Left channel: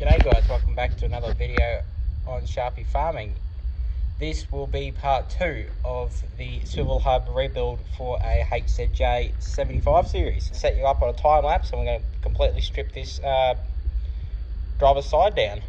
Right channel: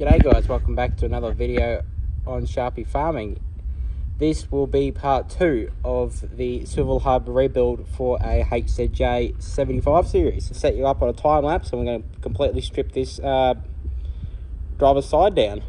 G'day guys, welcome back to another video on Sharpie farming. This will be part 2 of the Swivel hub rebuild for a HZJ75 series. Set you up on a time lapse and we're going to completely strip this driver's side down.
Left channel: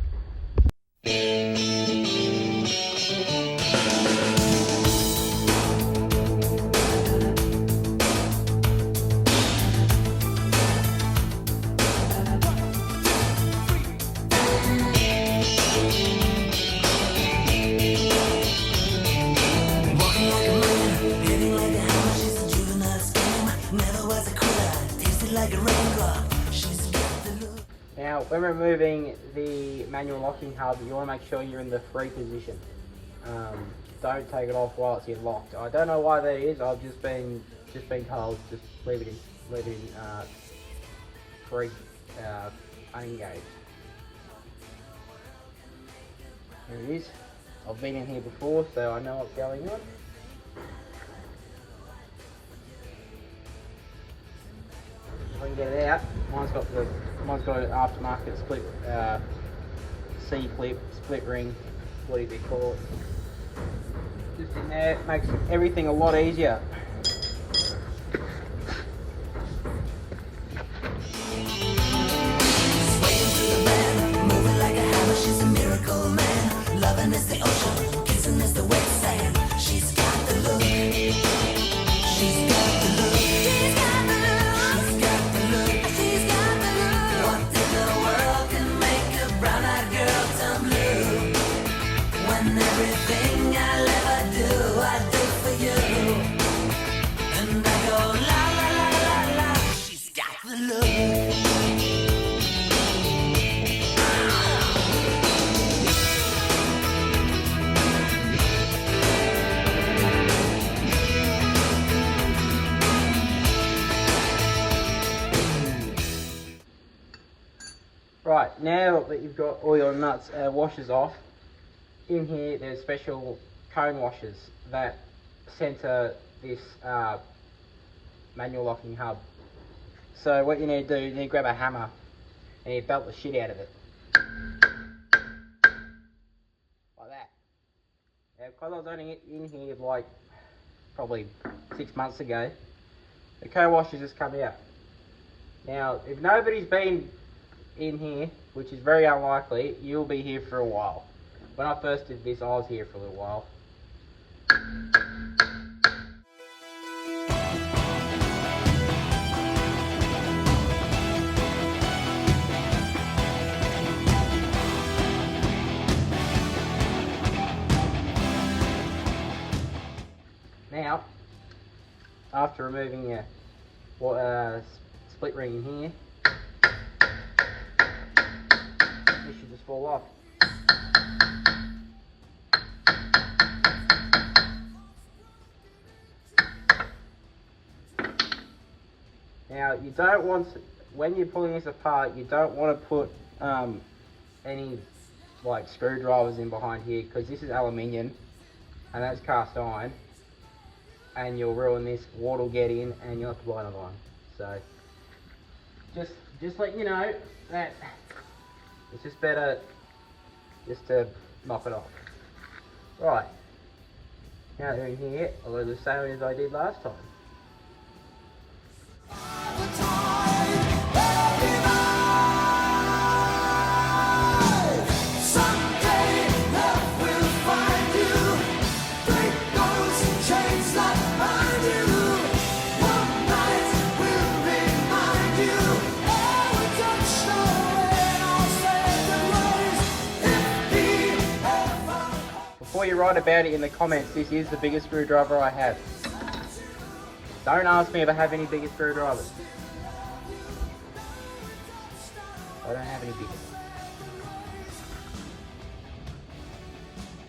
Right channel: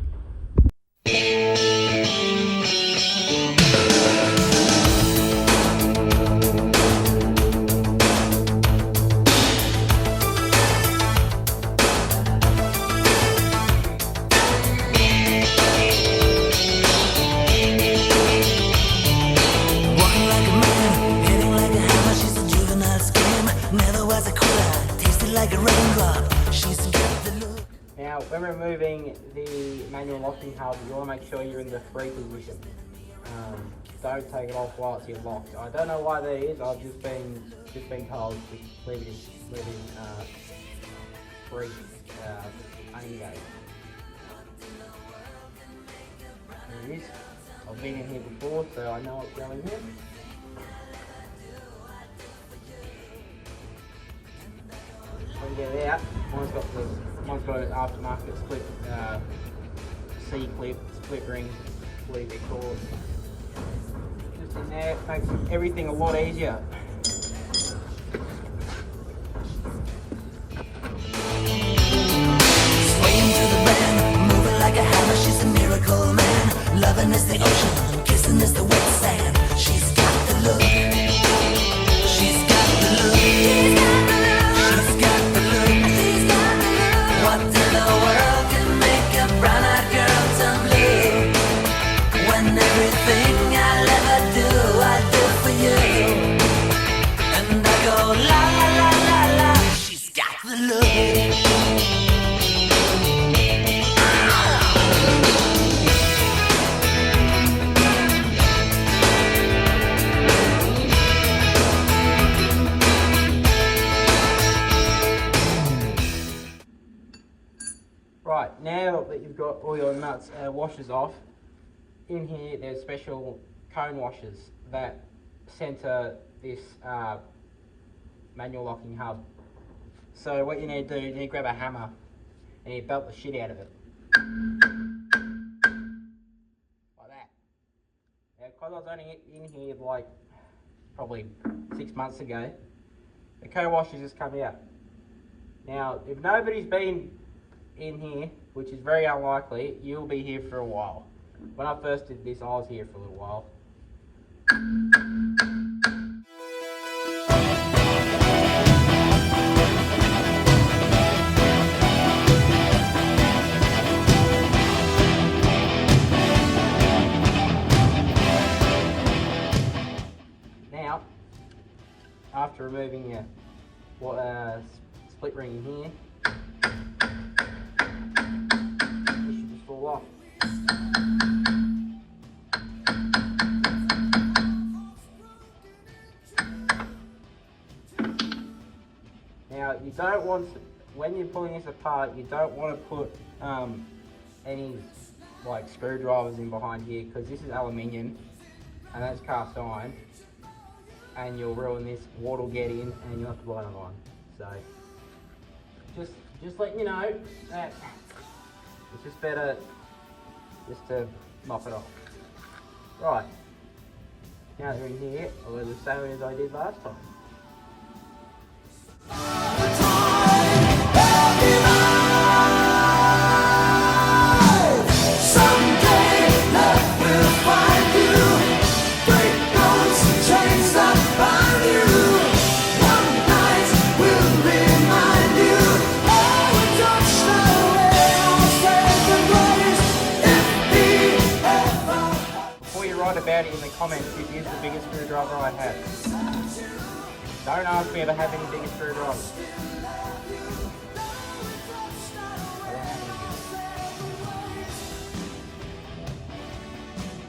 Like a raindrop, she's got the look. Now, when removing the manual locking hub, you want to make sure you're in the free position. Don't take it off while it's in locked. I don't know why that is. I've just been told just leave it in free, unengaged. There it is. I've been in here before, so I know what's going on. When you get out, mine's got an aftermarket split C-clip, split ring, whatever they call it. Just in there, it makes everything a lot easier. Swaying through the band, moving like a hammer, she's a miracle man. Loving is the ocean, kissing is the wet sand. She's got the look. She's got the look. She's got the look. Everything I'll ever do, I do for you. And I go la la la la la. She's got the look. Right, now that you've got all your nuts washers off, in here there's special cone washers that center this manual locking hub. So what you need to do, you need to grab a hammer and you belt the shit out of it. Like that. Now, because I was only in here like probably 6 months ago, the cone washers just come out. Now, if nobody's been in here, which is very unlikely, you'll be here for a while. When I first did this, I was here for a little while. Now, after removing your split ring in here, this should just fall off. Now, you don't want, when you're pulling this apart, you don't want to put any like screwdrivers in behind here, because this is aluminium and that's cast iron, and you'll ruin this. Water will get in and you'll have to buy another one. So just let you know that it's just better just to knock it off. Right, now they're in here, I'll do the same as I did last time. Before you write about it in the comments, this is the biggest screwdriver I have. Don't ask me if I have any bigger screwdrivers. I don't have any bigger.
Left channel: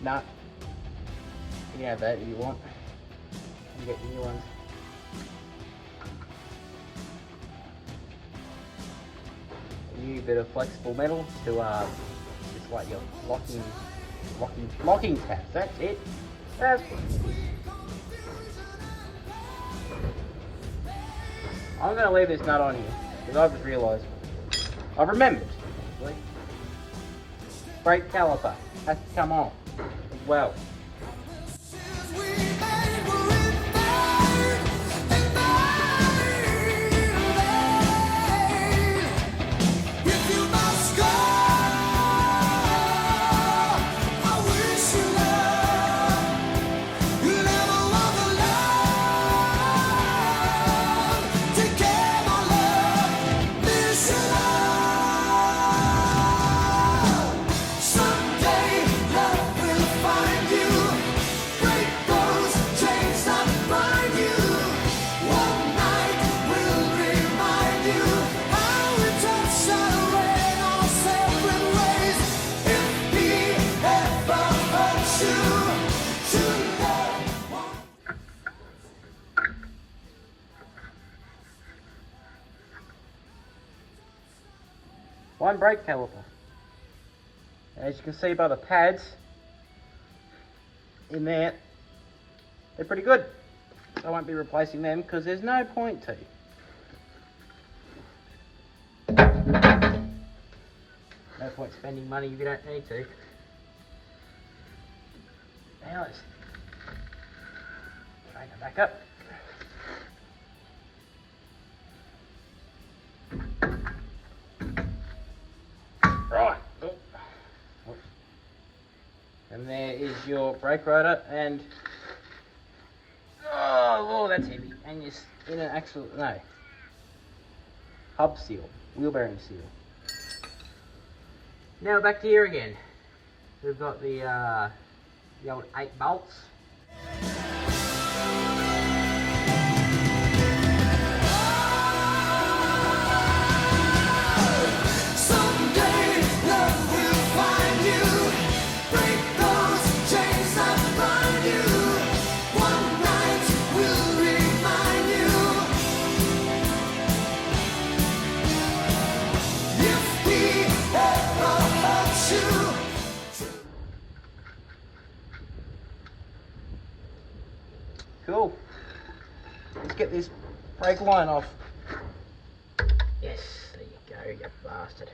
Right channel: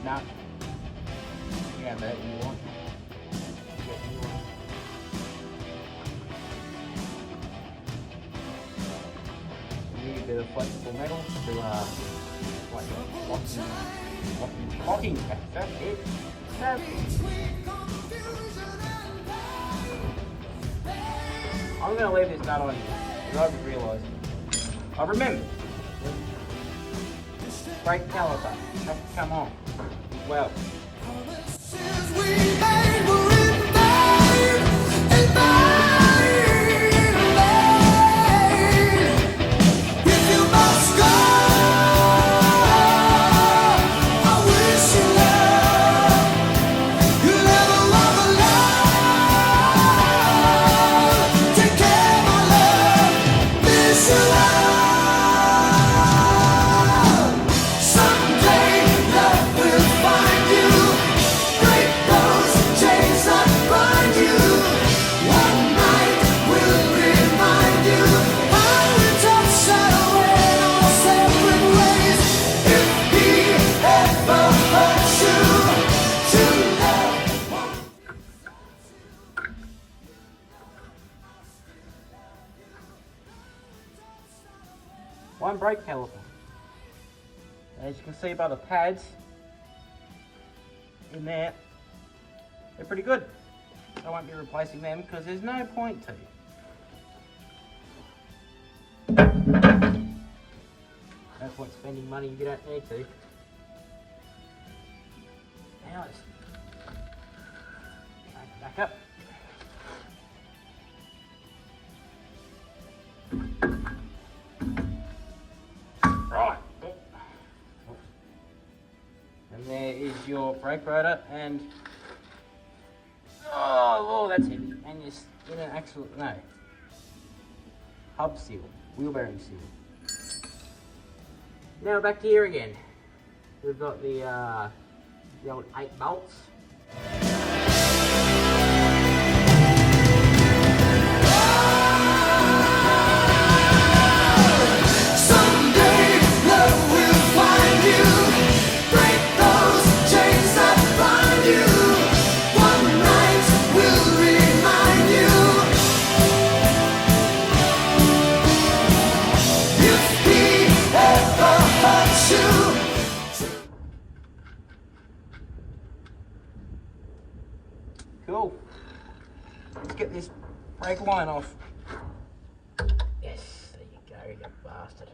Nah. You can have that if you want. You get the new one. You need a bit of flexible metal to like your locking tabs. That's it. That's it. I'm going to leave this nut on here, because I've realised. I've remembered, actually. brake caliper has to come on as well. One brake caliper. As you can see by the pads in there, they're pretty good. I won't be replacing them because there's no point to. No point spending money if you don't need to. Now let's bring it back up. Right. And there is your brake rotor and oh, that's heavy. And your inner axle, no, hub seal, wheel bearing seal. Now back to here again. We've got the old 8 bolts. Cool. Let's get this brake line off. Yes, there you go, you bastard.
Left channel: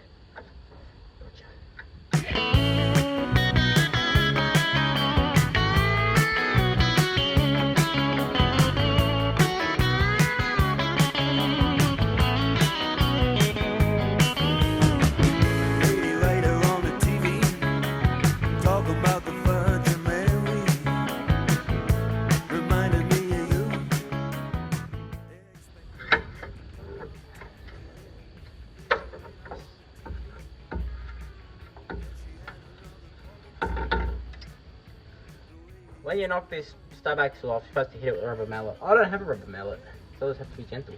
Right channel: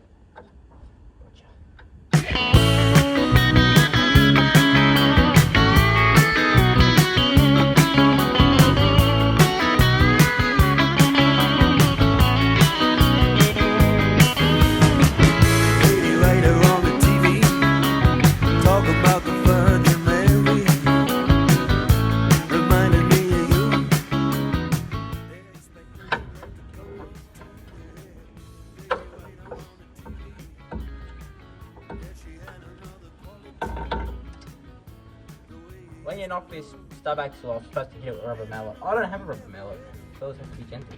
When you knock this stub axle off, you're supposed to hit it with a rubber mallet. I don't have a rubber mallet, so I just have to be gentle.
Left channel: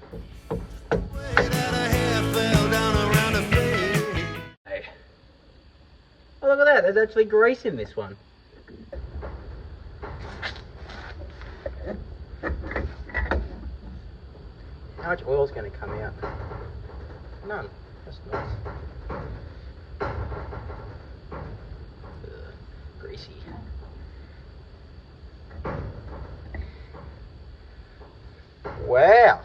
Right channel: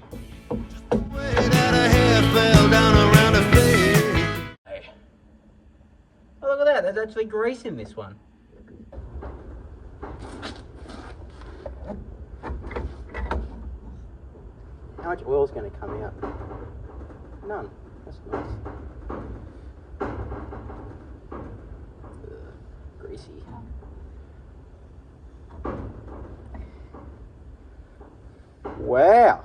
Hey. Oh, look at that, there's actually grease in this one. How much oil is going to come out? None. That's nice. Ugh, greasy. Wow.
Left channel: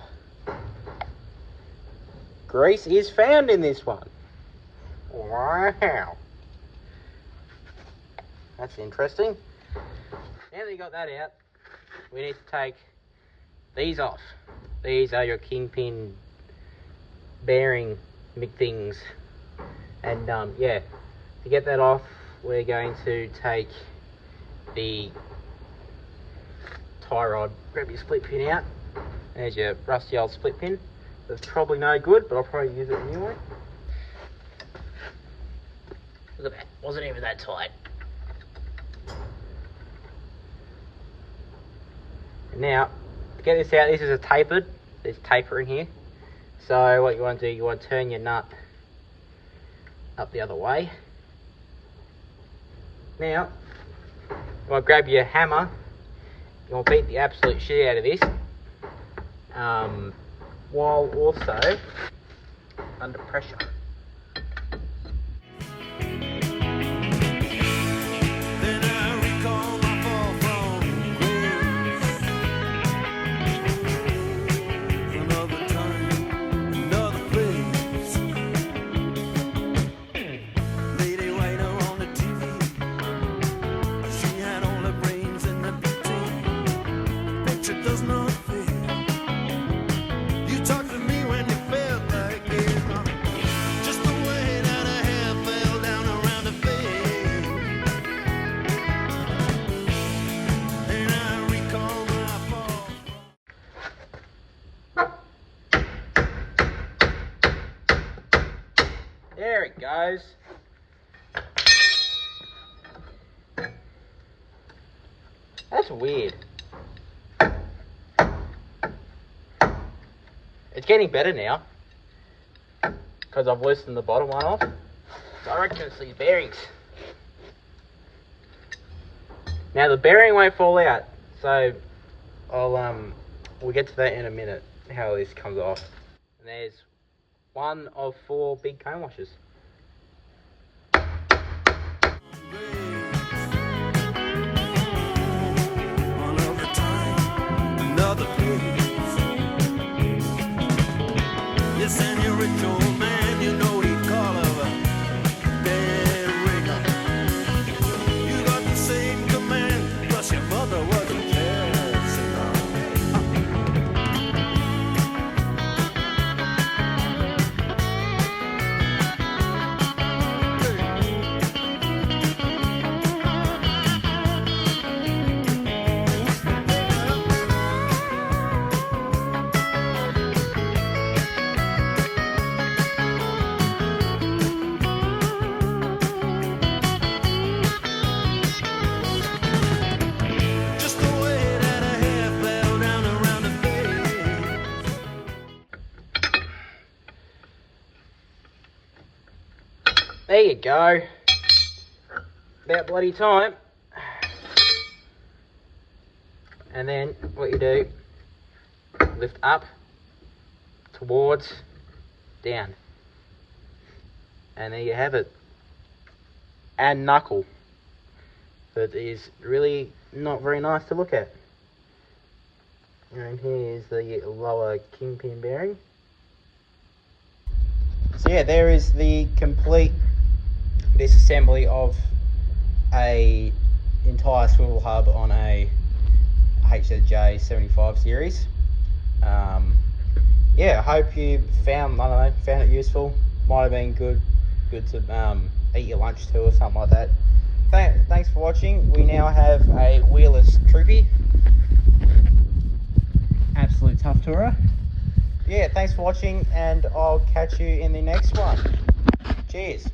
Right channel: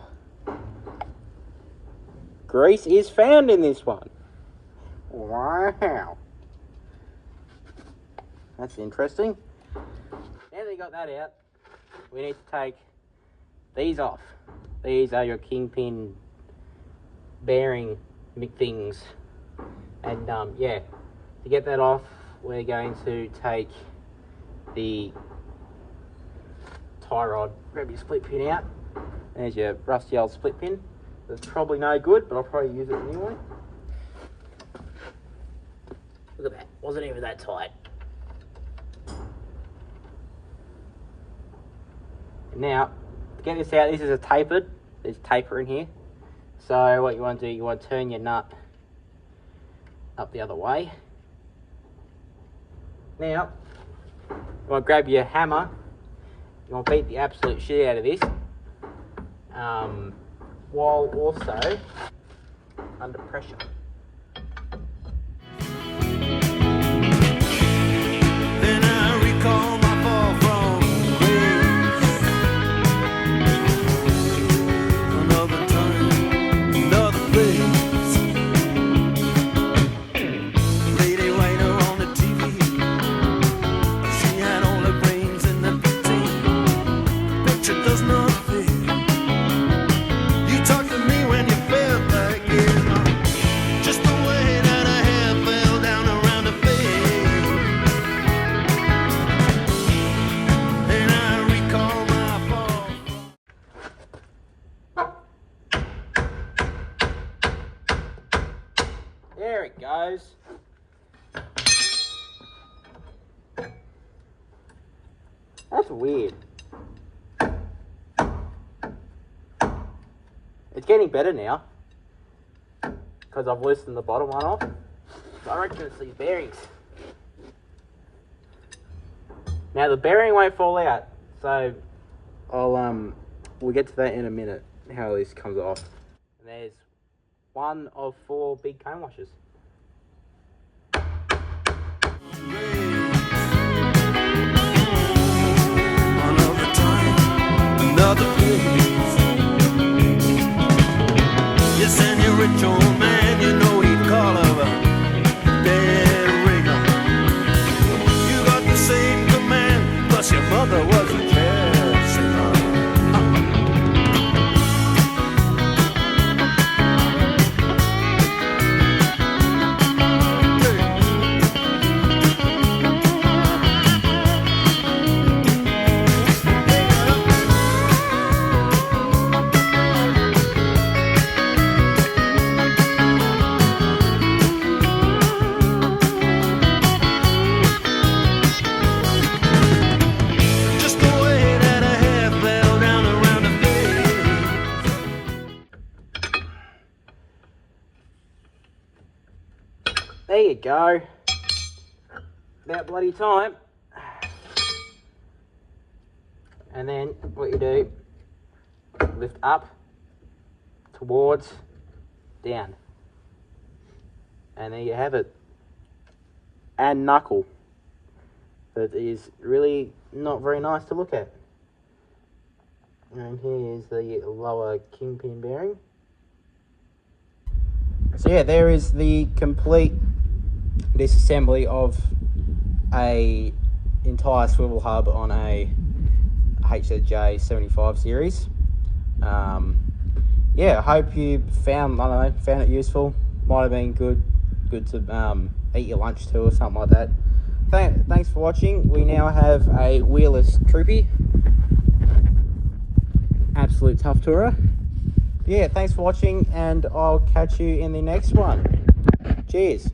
Grease is found in this one. Wow. That's interesting. Now that you got that out, we need to take these off. These are your kingpin bearing things. And yeah, to get that off, we're going to take the tie rod, grab your split pin out. There's your rusty old split pin. That's probably no good, but I'll probably use it anyway. Look at that, wasn't even that tight. And now, to get this out, this is a tapered. There's taper in here. So what you want to do, you want to turn your nut up the other way. Now, you want to grab your hammer. You want to beat the absolute shit out of this. While also under pressure. Then I recall my fall from grace. Another time, another place. Lady waiter on the TV. goes. That's weird. It's getting better now because I've loosened the bottom one off. So I reckon it's these bearings. Now the bearing won't fall out, so we'll get to that in a minute, how this comes off. And there's one of 4 big cone washers. Another time, another place. Yes, and you're rich old man, you know he'd call her a dead ringer. You got the same command, plus your mother was a jazz singer. Just the way that a hair fell down around her face. There you go. About bloody time. And then what you do, lift up, towards, down. And there you have it. And knuckle. But it is really not very nice to look at. And here's the lower kingpin bearing. So yeah, there is the complete disassembly of a entire swivel hub on a HZJ75 series. Yeah, I hope you found it useful. Might have been good to eat your lunch too or something like that. Thanks for watching. We now have a wheelless troopy. Absolute tough tourer. Yeah, thanks for watching, and I'll catch you in the next one. Cheers.